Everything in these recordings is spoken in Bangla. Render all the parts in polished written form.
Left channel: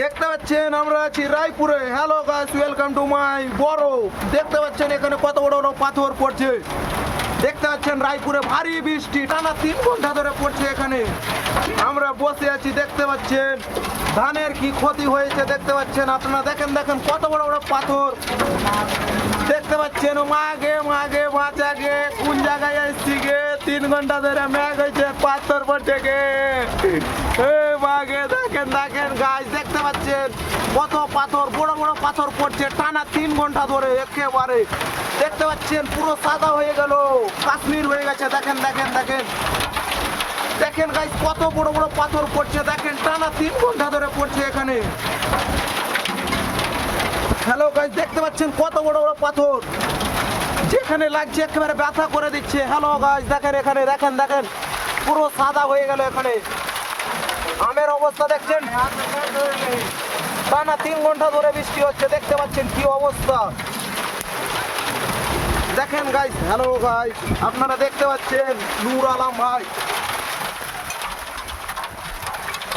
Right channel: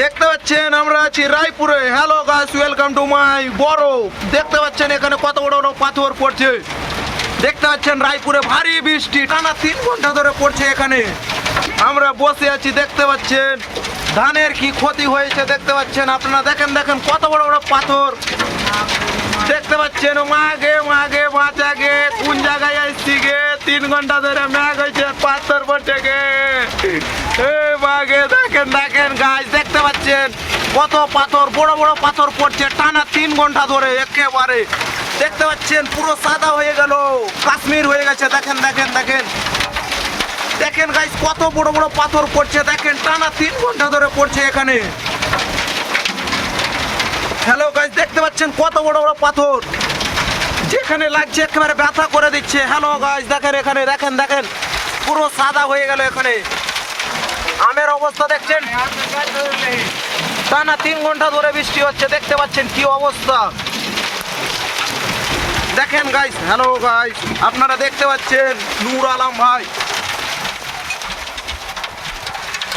দেখতে পাচ্ছেন আমরা আছি রায়পুরে। Hello guys, welcome to my বরফ। দেখতে পাচ্ছেন এখানে কত বড় বড় পাথর পড়ছে। দেখতে পাচ্ছেন রায়পুরে ভারী বৃষ্টি টানা 3 ঘন্টা ধরে পড়ছে। এখানে আমরা বসে আছি। দেখতে পাচ্ছেন ধানের কি ক্ষতি হয়েছে দেখতে পাচ্ছেন আপনারা। দেখেন দেখেন কত বড় বড় পাথর দেখতে পাচ্ছেন। মাগে মাগে বাঁচা গে কোন জায়গায় আসছি গে, 3 ঘন্টা ধরে ম্যাগ হয়েছে, পাথর পড়ছে গে। মাগে দেখেন দেখেন গাছ দেখতে পাচ্ছেন কত পাথর, বড় বড় পাথর পড়ছে টানা 3 ঘন্টা ধরে একেবারে। দেখতে পাচ্ছেন পুরো সাদা হয়ে গেল, কাশ্মীর হয়ে গেছে। দেখেন দেখেন দেখেন দেখেন গাইস কত বড় বড় পাথর পড়ছে। দেখেন টানা 3 ঘন্টা ধরে পড়ছে এখানে। হ্যালো গাইস, দেখতে পাচ্ছেন কত বড় বড় পাথর, যেখানে লাগছে একেবারে ব্যথা করে দিচ্ছে। হ্যালো গাইস দেখেন এখানে দেখেন দেখেন পুরো সাদা হয়ে গেল এখানে। আমের অবস্থা দেখছেন, টানা 3 ঘন্টা ধরে বৃষ্টি হচ্ছে। দেখতে পাচ্ছেন কি অবস্থা দেখেন গাইস। হ্যালো গাইস, আপনারা দেখতে পাচ্ছেন নূর আলম ভাই,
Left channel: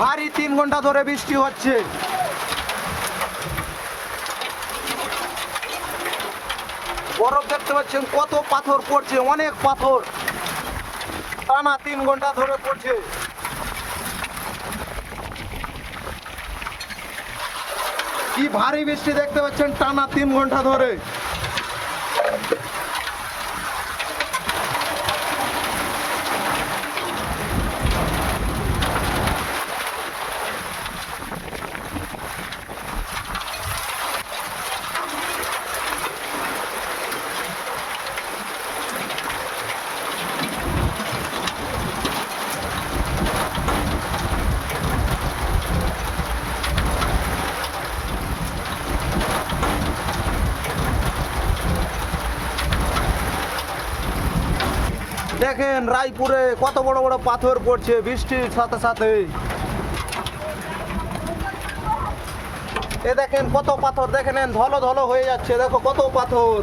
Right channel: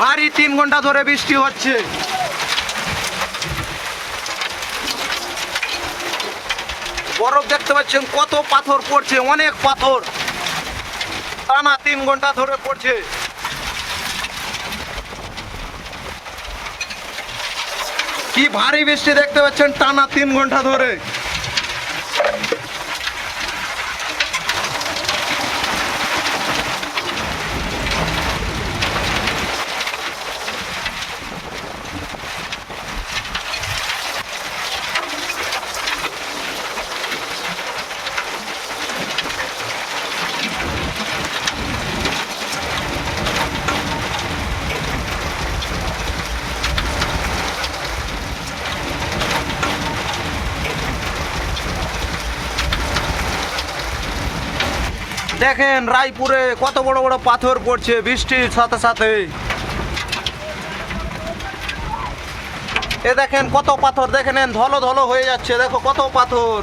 ভারী 3 ঘন্টা ধরে বৃষ্টি হচ্ছে। বরফ দেখতে পাচ্ছেন কত পাথর পড়ছে, অনেক পাথর টানা 3 ঘন্টা ধরে পড়ছে। কি ভারী বৃষ্টি দেখতে পাচ্ছেন টানা 3 ঘন্টা ধরে। দেখেন রায়পুরে কত বড় বড় পাথর পড়ছে বৃষ্টির সাথে সাথে। এ দেখেন কত পাথর, দেখেন ধলো ধলো হয়ে যাচ্ছে। দেখো কত পাথর।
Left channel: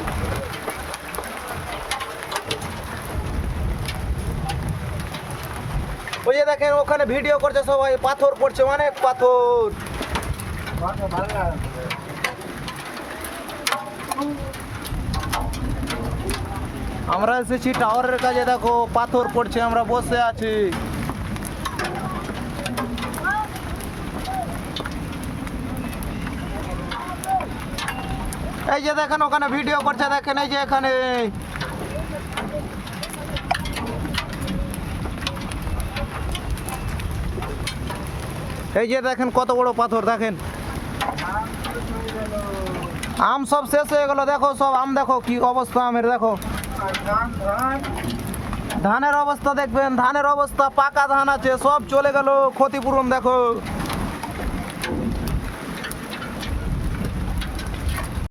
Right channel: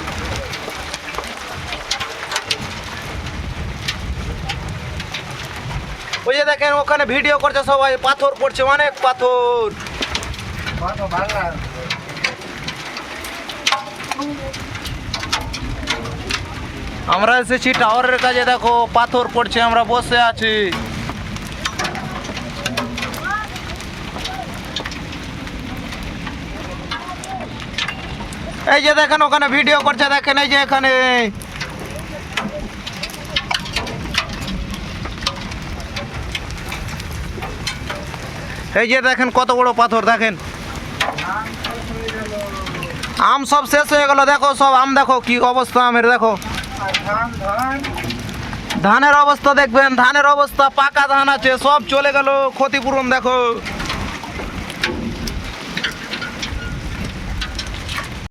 ওই যে দেখেন ওখানে ভিডিও করছে সবাই, পাথর পড়ছে অনেক পাথর। আমরা এসেছি টাওয়ারের কাছে, দেখো পাথর পড়ছে, আমরা বসে আছি। এই যে দেখেন ওখানে ভিডিও করছে, দেখেন এই যে এখানে। এই যে দেখেন কত বড় পাথর। দেখেন আম সব শেষ হয়ে গেল। দেখো সব আম, দেখো কি অবস্থা আমের। দেখো ধানের অবস্থা দেখবেন, ধানের অবস্থা পাকা ধান আছে সব চলে গেল, ক্ষতিপূরণ দেখো।